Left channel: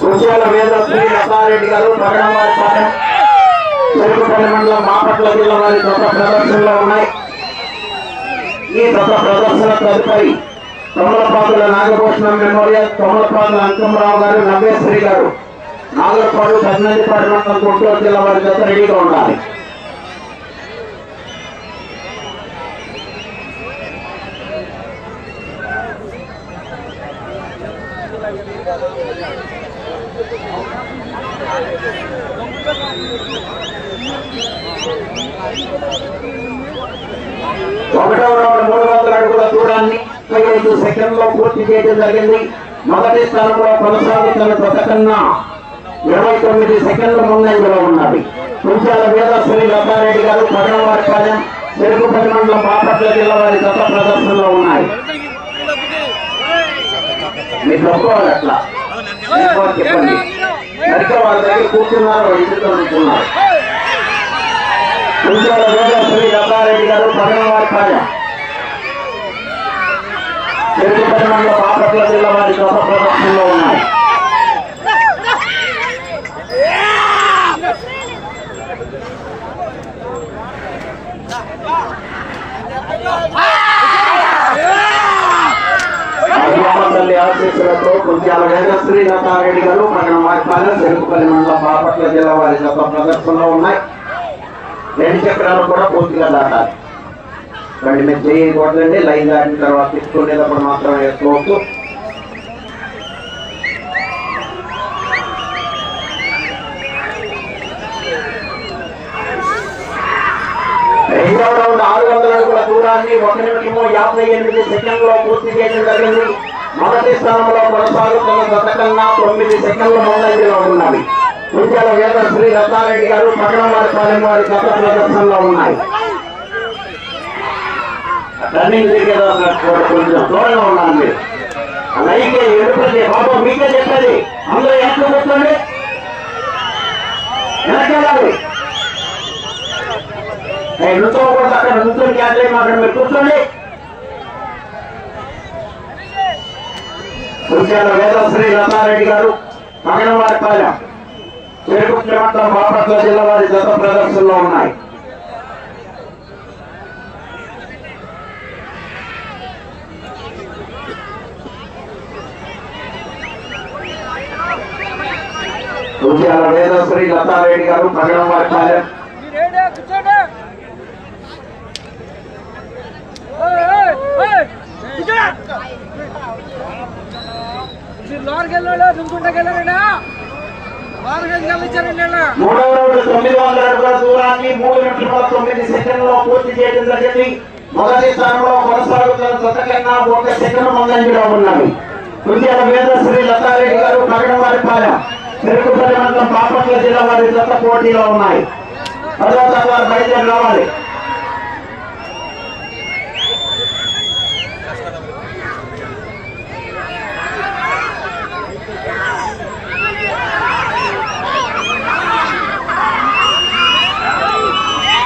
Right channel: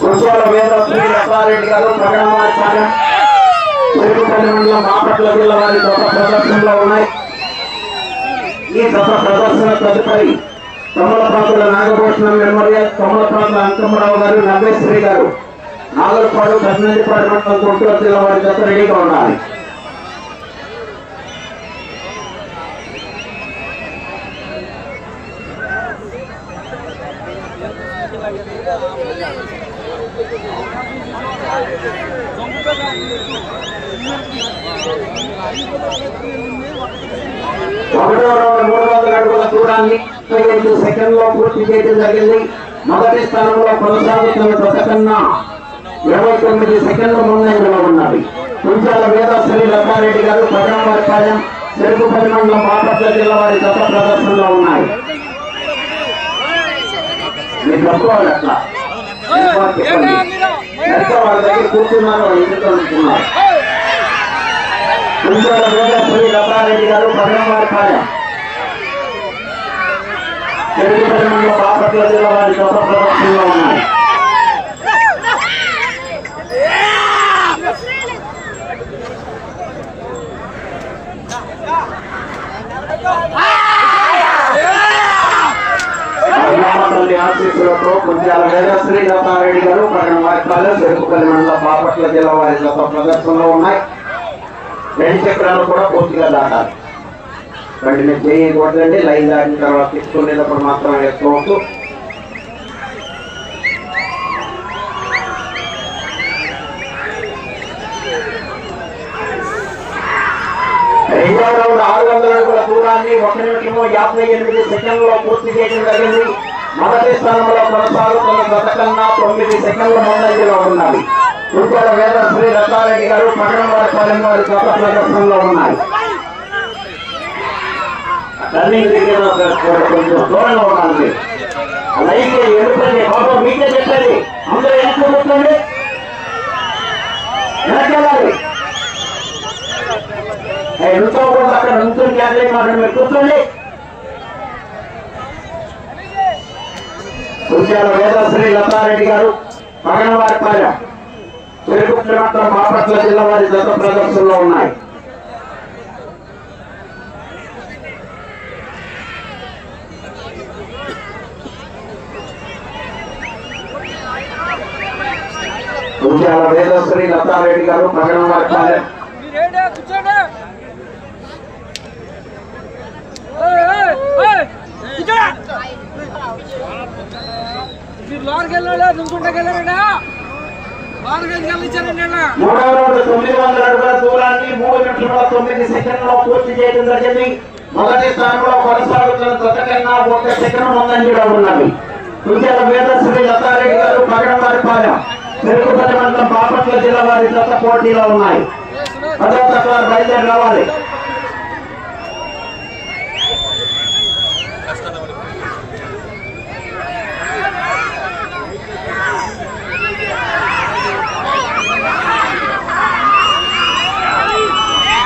కుర్చాల వేద శ్రీ లతారెడ్డి గారు ప్రకటన తిరుగుపల్లి మండలం జిల్లా వారి గత ప్రదర్శనలో ఉన్నాయి. ఈ గత ప్రదర్శన తదుపరి తొమ్మలపాతుల నాగభూషణం మెమోరియల్ తొమ్మలపాతుల అంకమరావు గారు నవ్వేశ్వరి గారు. నాగరపాడు కర్ణాటిపాడు మండలం గుంటూరు జిల్లా వారి గత రెడీగా ఉండాలి ఒకటో రౌండ్ మూడు వందల అడుగుల దూరాన్ని ముప్పై ఐదు సెకండ్లో పూర్తి చేయడం జరిగింది. మొదటి స్థానంలో కొనసాగుతున్న ప్రకటన ఇరవై తొమ్మిది సెకండ్ల ముందంజలో ఉన్నది. కుంచాల వేద శ్రీ లతారెడ్డి గారు పదనవారిపాలెం చెరుకుపల్లి మండలం బాపట్ల జిల్లా వారి గత ప్రదర్శనలో ఉన్నాయి. మీరు తప్పుకోవాలి అట్లా చెప్పండి సరిగ్గా వాళ్ళ దగ్గర కూర్చున్నారు వాళ్ళు ఎందుకు అనుకున్నారు కుంచాల వేద శ్రీ లతారెడ్డి గారు పదనవారిపాలెం చెరుకుపల్లి మండలం బాపట్ల జిల్లా వారి గత ప్రదర్శనలో ఉన్నాయి. తల్లి ఆశీస్సులతో కొంచెం వేదశ్రీ లతారెడ్డి గారు పక్కన వారిపాలెం చెరుకుపల్లి బాపట్ల జిల్లా వారి గత ప్రదర్శనలో ఉన్నాయి. రెండు చక్రాలు కూడా పూర్తిగా దాటాలి వాటిని చేయకూడదండి లైన్ దాటిన తర్వాత తీసుకునేటప్పుడు మాత్రం వేసుకోవచ్చు రెండో రౌండ్ ఆరు వందల అడుగుల దూరాన్ని ఒక నిమిషము యాభై ఎనిమిది సెకండ్లో పూర్తి చేయడం జరిగింది. మొదటి స్థానంలో కొనసాగుతున్న గత కన్నా తొమ్మిది సెకండ్ల ముందంజలో ఉన్నవి. కుంచాల వేద శ్రీ రత్నారెడ్డి గారు పట్టణం వారి పాలెం వారి గత ప్రదర్శనలో ఉన్నాయి. టర్నింగ్ దగ్గర దూరంగా మీకే చెప్పాలి. అందరూ ఎంత కూర్చోండి వెనకెళ్ళాలి నుంచోకూడదు అక్కడ నుంచొని మాట మీరు కూర్చోండి. వేదశ్రీ లతారెడ్డి గారు పగనవారిపాలెం తిరుగుతున్న మండలం బాపట్ల జిల్లా వారి జత ప్రదర్శనలో ఉన్నాయి కుంచాల వేదశ్రీ లతారెడ్డి గారు పగనవారిపాలెం మీరేడే కూర్చోండి ఏయ్, ఏయ్, ఏయ్, కూర్చో. మీరు లోనికి వెళ్ళాడు ఉద్యాల వెళ్ళారండి లోనికి గారు వెళ్ళిచ్చారండి వీళ్ళ? మూడవ రౌండ్ తొమ్మిది వందల అడుగుల దూరాన్ని మూడు నిమిషముల తొమ్మిది సెకండ్లలో పూర్తి చేయడం జరిగింది. మొదటి స్థానంలో కొనసాగుతున్న ఒక సెకండ్ ముందంజలో ఉన్నది. లతారెడ్డి గారు పగడవారిపాలెం వారి జత పోటీలో ఉన్నాయి. పదో తక్కువ బయలుదేరి రావాలి.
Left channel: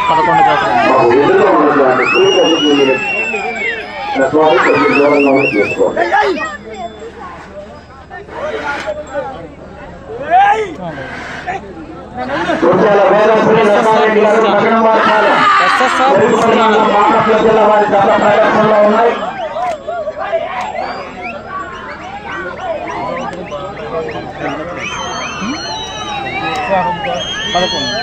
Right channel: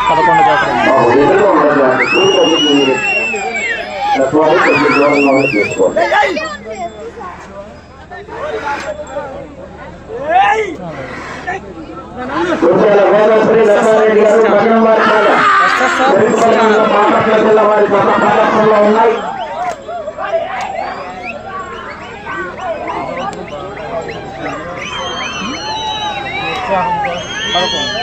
పదకొండు జాతర బాబు, ఎదురుగా ఉన్నటువంటి చూపు ఒకటి మీరు తత్వాలు కొంచెం దూరంలోనే తీసుకోండి Kunchala Vedasri Lathareddy garu Pagadavaripalem SSR foods channel Bapatla జిల్లా వారి జత ప్రదర్శనలో ఉన్నాయి పదకొండు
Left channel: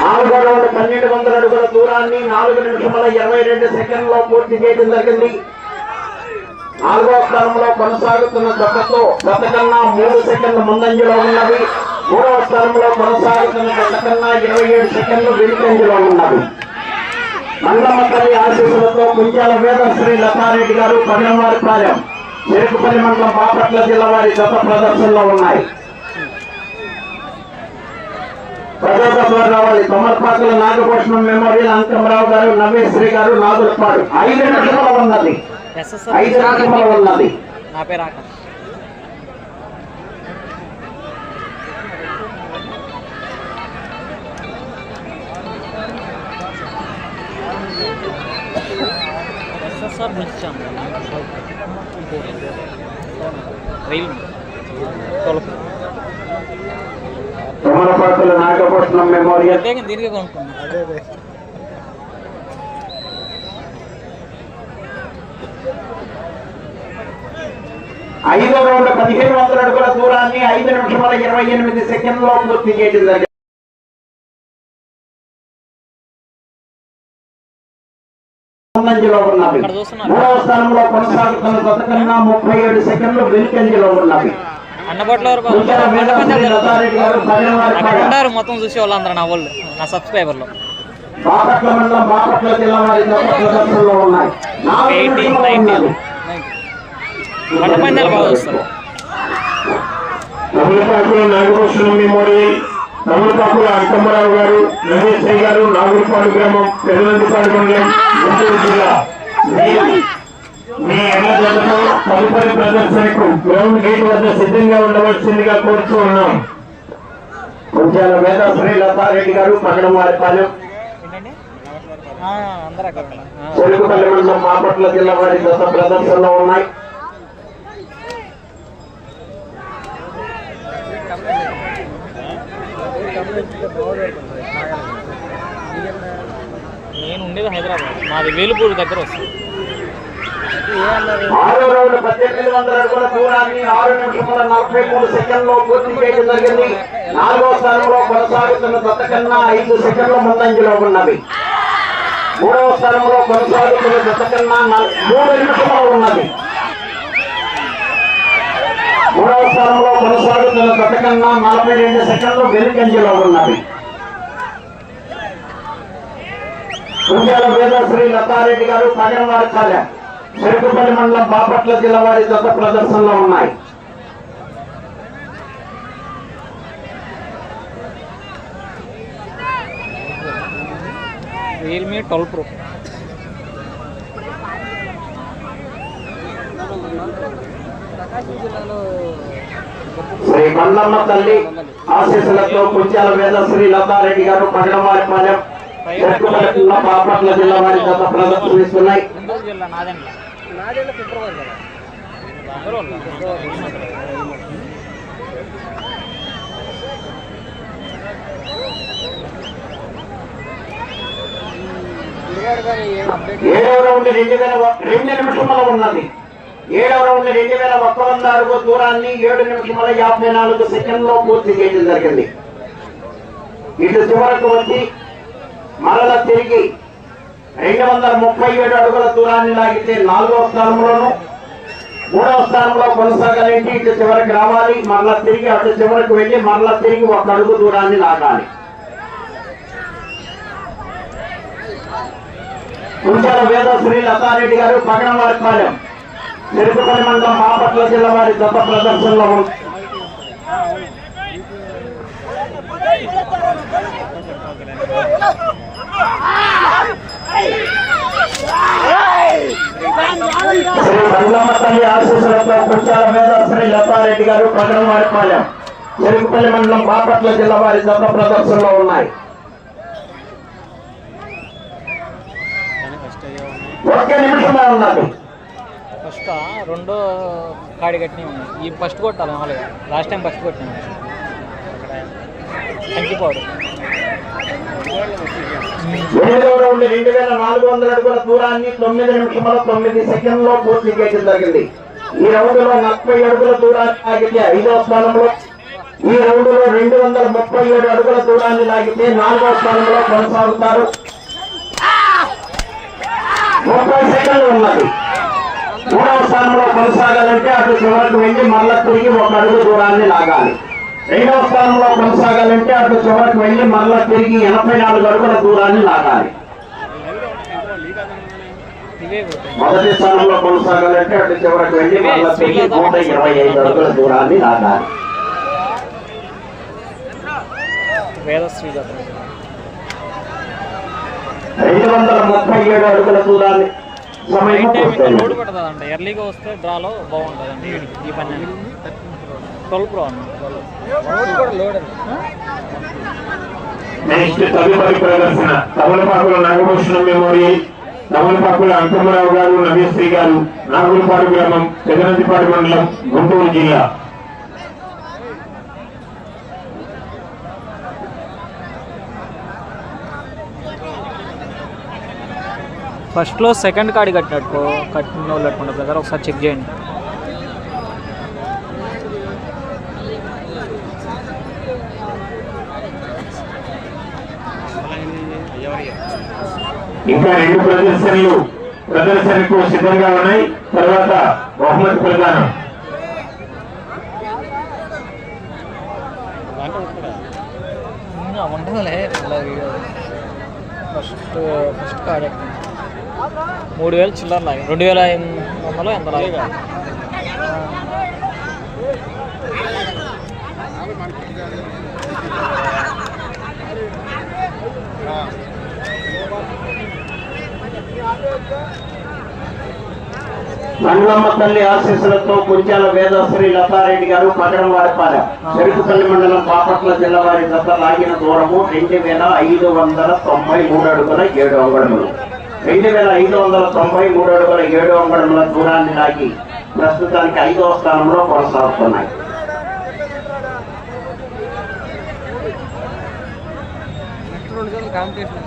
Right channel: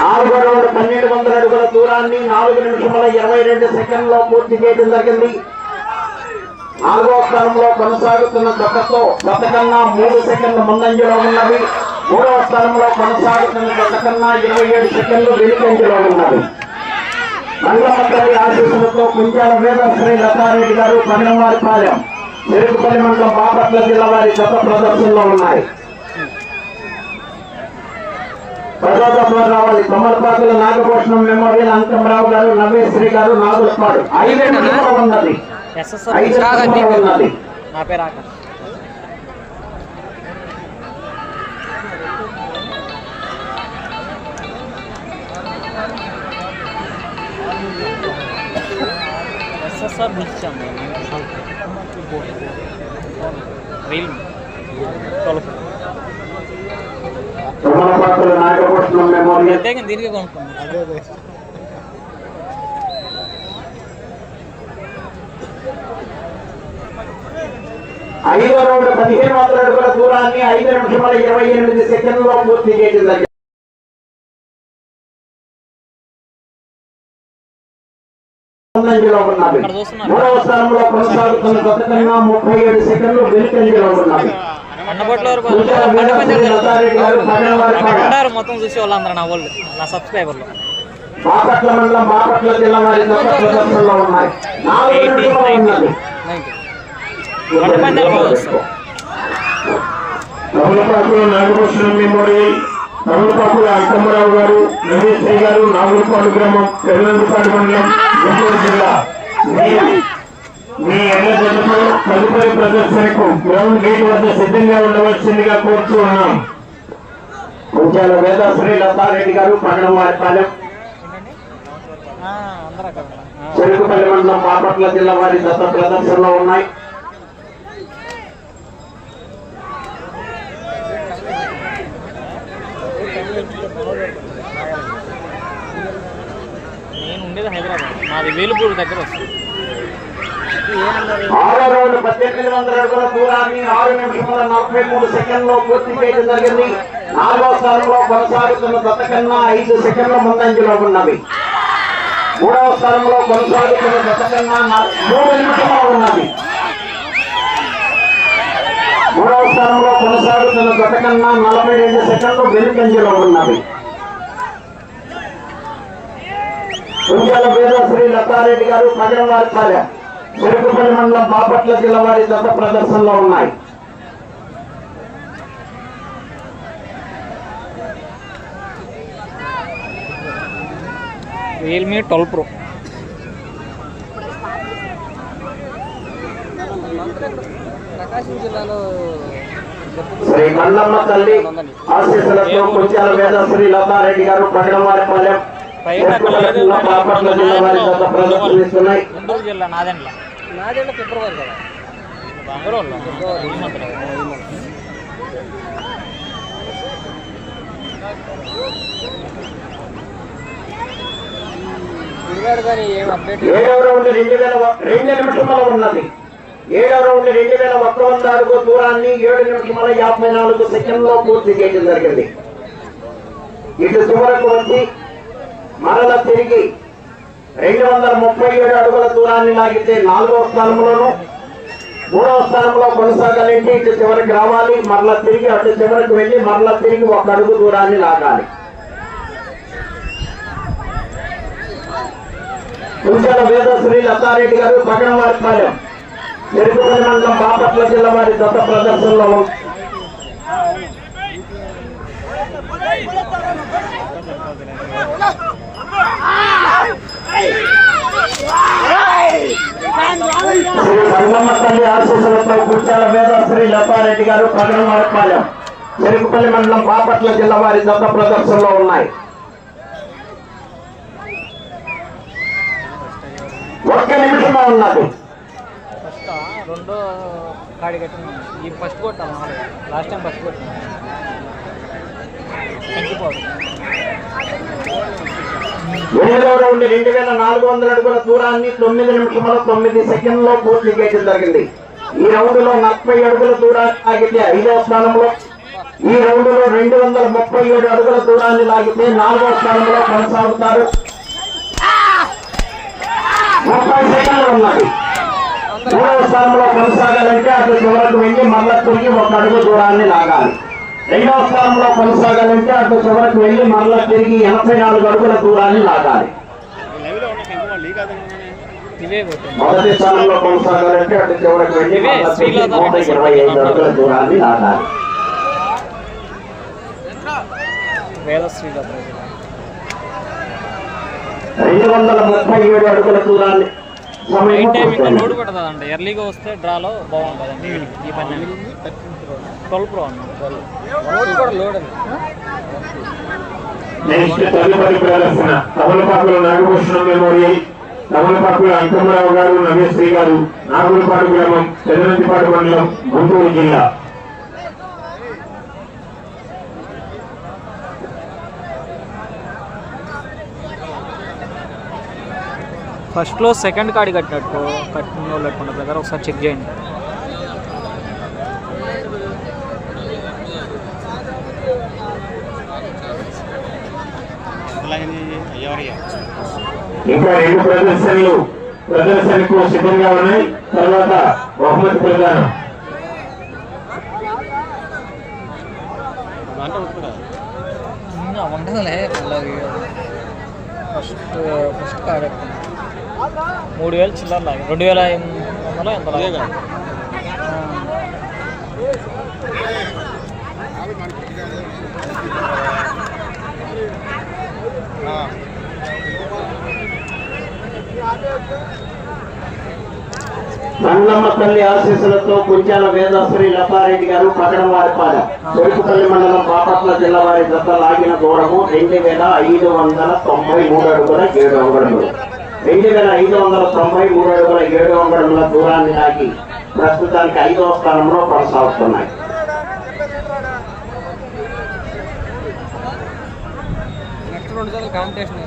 నాలుగో పన్నెండు వందల అడుగుల దూరాన్ని నాలుగు నిమిషముల ఇరవై రెండు సెకండ్లో పూర్తి చేయడం జరిగింది. నాలుగో స్థానంలో కొనసాగుతున్న దత్తతో గత కన్నా మూడు సెకండ్ల ముందంజలో ఉన్నవి మూడవ స్థానంలో కొనసాగుతున్న గత కన్నా ఇరవై ఏడు సెకండ్లు వెనుకంజలో ఉన్నవి మంగళమంత్రి ఆశీస్సులతో కుంజాల వేదశ్రీ లతారెడ్డి గారు పదినవారి పాలెం. చెరుకుపల్లి మండలం బాపట్ల జిల్లా వారి గత ప్రదర్శనలో ఉన్నాయి. ప్రజాపాలన రావాలి. కొమ్మలపాకుల నాగభూషణం మెమోరియల్ అంకమరావు గారు నవేశ్వరి గారు నాగులపాడు. ఉన్నది. నా పేరు ఆకాష్. ఎస్ఎస్ఆర్ పిలిచాను రైల్. తొలపు. ప్రో యమనపాత్రుల నాగపట్నం మెమోరియల్ దీనికే అదే ఐదో రౌండ్ పదిహేను వందల అడుగుల దూరాన్ని ఐదు నిమిషాల ఇరవై ఎనిమిది సెకండ్లో పూర్తి చూస్తున్నారు. మూడవ స్థానంలో కొనసాగుతున్న గత కన్నా ముప్పై ఏడు సెకండ్లు వెనుకంజలో ఉన్నవి అన్నబట్లో వారు ఉన్నారు మొత్తం చూసే వాళ్ళందరూ నా వాళ్ళు నా సబ్స్క్రైబర్లు. ఎయిటీ పందాలు బాగా వస్తారు తమిళపాకుల నాగభూషణ మెమోరియల్ తమిళపాకుల అంకమ్మరావు గారు నరేశ్వరి గారు నాగులపాడు గ్రామం పెరునందిపాడు మండలం గుంటూరు జిల్లా మీ- మీ తదుపరి ప్రదర్శనకు గ్రౌండ్ గేట్ వద్ద సిద్ధంగా ఉండవలసిందిగా కోరుతూ ఉన్నాం. కొంచెం మీద శ్రీ లతారెడ్డి గారు పన్నెండు చెలుకుపల్లి మండలం బాపట్ల జిల్లా వారి గత ప్రదర్శనలో ఉన్నాయి. నేను ఉండేది హైదరాబాద్. మాది వేలుపూరు దగ్గర వస్తుంది. ఆరో రోజు పద్దెనిమిది వందల అడుగుల దూరాన్ని ఆరు నిమిషముల నలభై మూడు సెకండ్లో పూర్తి చేయడం జరిగింది. నాలుగో స్థానంలో కొనసాగుతున్న జతకన్నా ఐదు సెకండ్ల ముందంజలో ఉన్నవి. మూడవ స్థానంలో కొనసాగుతున్న జతకన్నా మూడు నిమిషములు ఉన్నది మూడవ స్థానంలో కొనసాగుతున్న జతకన్నా నలభై రెండు సెకండ్లు వెనుకంజలో ఉన్నవి. కుంజాల వేదశ్రీ లతారెడ్డి గారు పగడవారి చాలెం చెరుకుపల్లి మండలం బాపట్ల జిల్లా వారి జత ప్రదర్శనలో ఉన్నాయి. Realme twelve pro. Shri Mandamma తల్లి ఆశీస్సులతో వేదశ్రీ గారు పగడవారిపాలెం బాపట్ల జిల్లా వారి జత ప్రదర్శనిస్తున్నాయి నాదేళ్ళ ఫిబ్రవరి కదా. ఏడవ రౌండ్ రెండు వేల రెండు నిమిషముల ఉన్నది. ఏడవ రౌండ్ రెండు వేల ఒక్క వంద అడుగు దూరాన్ని ఏడు నిమిషముల యాభై నాలుగు సెకండ్లో పూర్తి చేయడం జరిగింది. ఇటు చివరకు వచ్చి మరల తిరిగి రెండు వందల ముప్పై ఏడు అడుగుల దూరాన్ని లాగితే నాలుగవ స్థానంలోను మూడవ స్థానంలో కొనసాగాలంటే ఇటు చివరికి రావాలి మరలా తిరిగి అటు చివరికి వెళ్ళి మరలా తిరిగి ఒక అడుగు దూరాన్ని లాగాలి కుంచాల వేదశ్రీ లతారెడ్డి గారు పగడవారిపాలెం తిరుపతి మండలం బాపట్ల జిల్లా వారి గొప్ప ప్రదర్శనలో Ah! తల్లి ఆశీస్సులతో కుంచాల వేదశ్రీ లతారెడ్డి గారు పగడవారిపాలెం చెరుకుపల్లి మండలం బాపట్ల జిల్లా వారి గొప్ప ప్రదర్శనలో ఉన్నాయి. ఒక్క నిమిషమే ఉన్నది. ఫస్ట్ రెండో కాడి కట్టిన ఈ ఫస్ట్ కొట్టాలి మామూలుగా లాస్ట్ టైం ఫస్ట్ కొట్టిన. కంచిపోవడం ఎనిమిదవ రౌండ్ రెండు వేల నాలుగు వందల అడుగుల దూరాన్ని తొమ్మిది నిమిషంలో తొమ్మిది సెకండ్లో పూర్తి చేయడం జరిగింది. ఈ రౌండ్లో నలభై అడుగుల దూరాన్ని లాగితే ఐదవ స్థానంలో ఈ రౌండ్లో రెండు వందల ముప్పై ఏడు అడుగుల దూరాన్ని లాగితే నాలుగవ స్థానంలో కొనసాగుతారు. ముప్పై సెకండ్లు ఉన్నాయి. మూడవ స్థానంలో కొనసాగాలంటే అటు చివరకు వెళ్ళి మళ్ళా తిరిగి ఒక అడుగు దూరాన్ని లాగాలి. రెండవ స్థానంలో కొనసాగాలంటే అటు చివరకు వెళ్ళి మళ్ళా తిరిగి ఎనభై నాలుగు అడుగుల దూరాన్ని లాగాలి. మొదటి స్థానంలో కొనసాగాలంటే అటు చివరకు వెళ్ళి మళ్ళా తిరిగి నూట ఇరవై ఐదు అడుగుల దూరాన్ని లాగాలి. రెండు వందల ముప్పై ఏడు అడుగుల దూరాన్ని సమయం నైట్ టైం ఇంకా పూర్తయింది. లోడ్ పడుతుంది అంట ఎర్లీగా వస్తే డ్రాలో బాగుంటుంది వీడికి ఈ పన్నానికి ట్వెల్వ్ ప్రో అన్న నెక్స్ట్ ప్రదర్శన. తమిళపాకుల నాగభూషణ అంకమ్మరావు గారు నగేశ్వరి గారు. నాగులపాడు గ్రామం పెదనందిపాడు మండలం గుంటూరు జిల్లా. ఫస్ట్లో సెకండ్ కార్డు కట్టినట్టు కట్టిన వాళ్ళు బ్రదర్ ఒకసారి చెక్ చేయండి. ఇంకా రెండు ప్రదర్శనలు ప్రదర్శనకు సిద్ధంగా ఉన్నాయి. తర్వాత బహుమతి ప్రదానం. ఇంకా ఉంటుందిలే మళ్ళీ ఫస్ట్ ఫస్ట్ కట్టింది మూడు వేలు చిల్లర రెండు వేల ఎనిమిది వందలు ఎంత ఆ. మండలమ్మ తల్లి ఆశీస్సులతో కుంచాల వేదాశ్రీ లతారెడ్డి గారు పట్టణం వారిపాలెం. చెరుకుపల్లి మండలం బాపట్ల జిల్లా వారి జత లాగిన దూరము రెండు వేల ఐదు వందల తొంభై మూడు అడుగుల ఏడు అంగడములు. రెండు వేల ఐదు వందల తొంభై మూడు అడుగుల ఏడు అంగడముల దూరాన్ని లాగి ప్రస్తుతానికి ఐదవ స్థానంలో కొనసాగుతున్నాయి. antes